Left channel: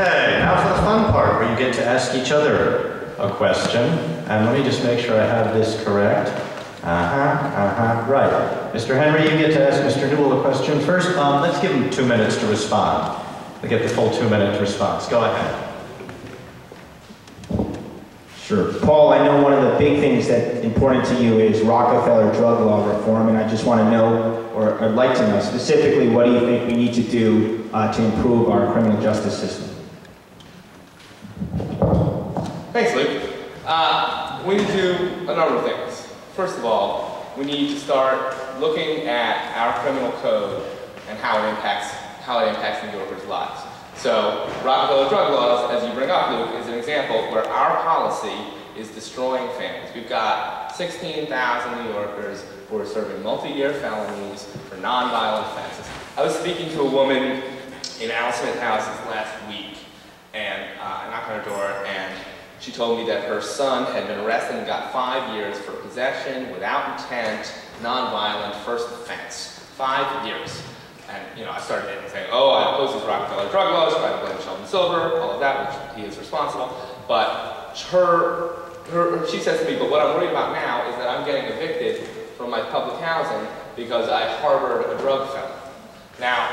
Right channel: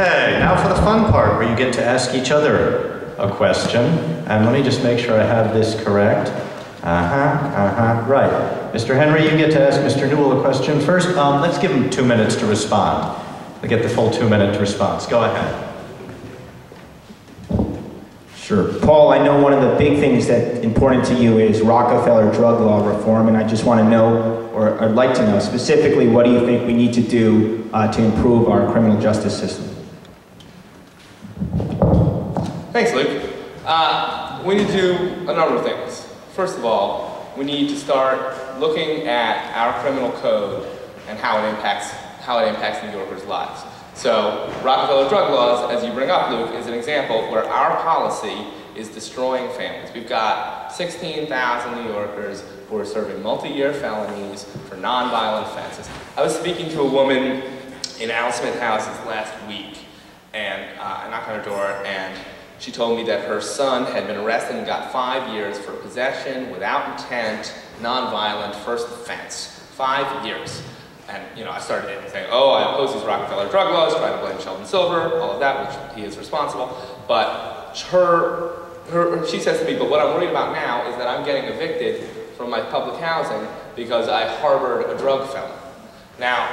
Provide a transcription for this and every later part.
Okay, now for the fun part where you get to ask each other a question. And let me just make sure I have this correct. Right. Mr. Henry, you get to ask Mr. Newell a question first. Let's give him 2 minutes to respond. We get the full 2-minute response. Go ahead. Sure. Paul, I know one of the big things that's important to you is Rockefeller drug law reform, and I just want to know, or I'd like to know, specifically, what do you think we need to do to improve our criminal justice system? Thanks, Luke. We need to do a number of things. First of all, we need to start looking at our criminal code and how it impacts New Yorkers' lives. So, Rockefeller drug laws, as you bring up, Luke, is an example where our policy is destroying families. We've got 16,000 New Yorkers who are serving multi-year felonies for nonviolent offenses. I was speaking to a woman in Al Smith Houses last week, and I knocked on her door, and she told me that her son had been arrested and got 5 years for possession without intent, nonviolent, first offense. 5 years. And, you know, I started saying, oh, I oppose these Rockefeller drug laws, try to blame Sheldon Silver, all of that, which he is responsible. But she says to me, but what I'm worried about now is that I'm getting evicted from my public housing because I harbored a drug felon. Now,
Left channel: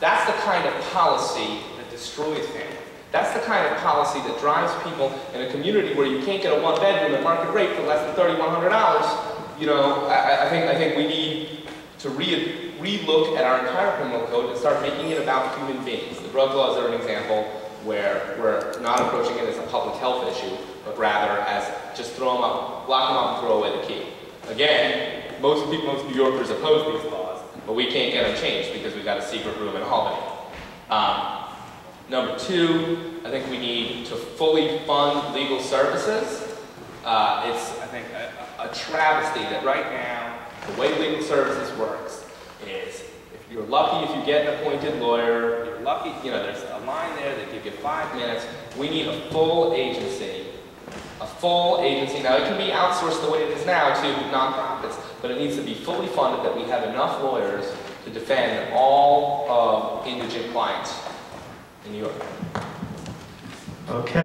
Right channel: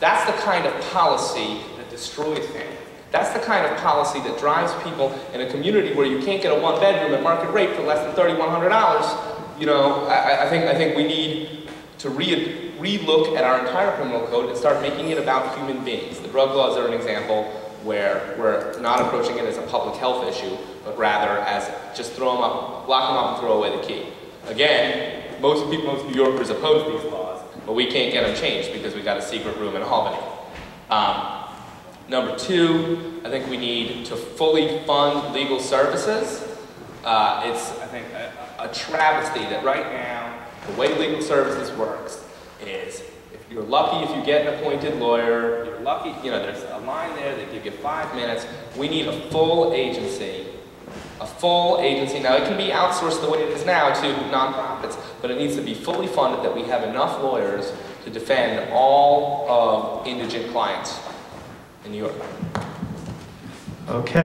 that's the kind of policy that destroys families. That's the kind of policy that drives people in a community where you can't get a one-bedroom at market rate for less than $3,100. You know, I think we need to re-look at our entire criminal code and start making it about human beings. The drug laws are an example where we're not approaching it as a public health issue, but rather as just throw them up, lock them up and throw away the key. Again, most New Yorkers oppose these laws, but we can't get them changed because we've got a secret room in Albany. Number two, I think we need to fully fund legal services. It's, I think, a travesty that right now, the way legal services works is if you're lucky if you get an appointed lawyer, you're lucky, you know, there's a line there, they give you 5 minutes. We need a full agency. A full agency. Now, it can be outsourced the way it is now to nonprofits, but it needs to be fully funded that we have enough lawyers to defend all of indigent clients in New York. Okay.